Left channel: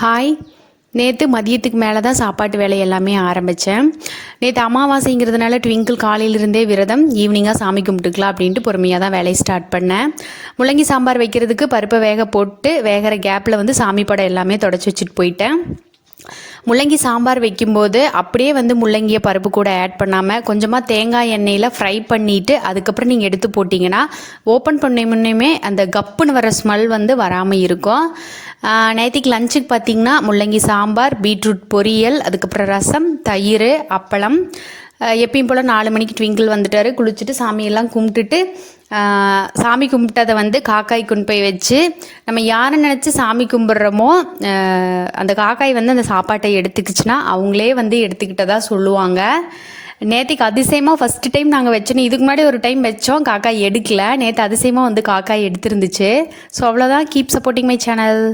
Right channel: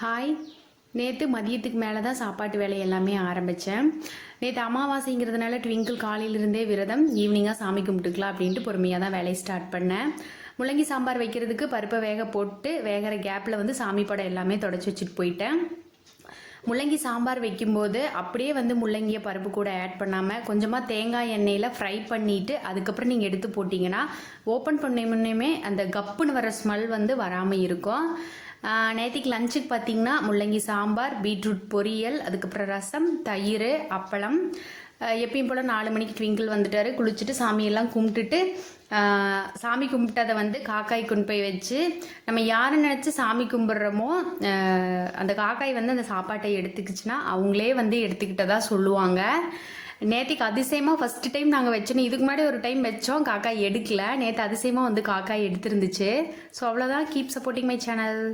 Hi. நேற்று மதியத்துக்கு மேலே தான் சாப்பாட்டு வேலை எல்லாமே ஆரம்பித்தேன். நேற்று அமாவாசைங்கிறதுனால ட்விங்கிள் காலையிலிருந்தே விரதம், ஈவினிங்காக சாமி கும்பிட்டுக்கலாம் அப்படின்ட்டு பொறுமையாக தான் வேலையை ஸ்டார்ட் பண்ணேன். முள்ளங்கி சாம்பார் வைக்கிறதுக்கு பருப்பை வேக போட்டு வேகிற கேப்பில் சாமி படம் எல்லாமே தொடச்சி வச்சுட்டு போயிட்டேன். முள்ளங்கி சாம்பார் வைக்கும்போது அப்படியே முள்ளங்கியை பருப்பு கூட ஆட் பண்ணாமல் கொஞ்சமாக தேங்காய் எண்ணெயில் ஃப்ரை பண்ணிவிட்டு அதுக்கப்புறம் நீங்கள் எடுத்து போட்டிங்கன்னா ஓப்பன் பண்ண முன்னே அந்த கப்புன்னு வர ஸ்மெல் வராமல் இருக்கும். நேற்றுக்கு லஞ்சுக்கு பார்த்திங்கன்னா முள்ளங்கி சாம்பார், பீட்ரூட் பொரியல், அதுக்கப்புறம் ரசம், தயிர், அப்பளம். எப்பயும் போல் 4 மணிக்கு ட்விங்கிள் வந்துட்டார். குளிச்சுட்டு சாமியெல்லாம் கும்பிட்டுட்டு சாமி கும்பிட்டதை காக்காய் கொண்டு போய் வச்சு நம்ம யாரை நினச்சி சாமி கும்பிட்றோமோ அந்த காக்காய் அந்த சாப்பாட்டை எடுத்துக்கிச்சுன்னா அவங்களே எடுத்துக்கிட்டதாக சொல்லுவாங்க. நேற்றுக்கு அதிசயமாக ஃபஸ்ட்டு டைம் நாங்கள் வச்சோன்னு, இதுக்கு முன்னாடி ஒரு டைம் வச்சோம், காக்காய் எடுக்கல. நேற்று அதிசயமாக காக்காய் எடுத்துருந்துச்சு. ஸோ அவ்வளோதான். Keep supporting my channel.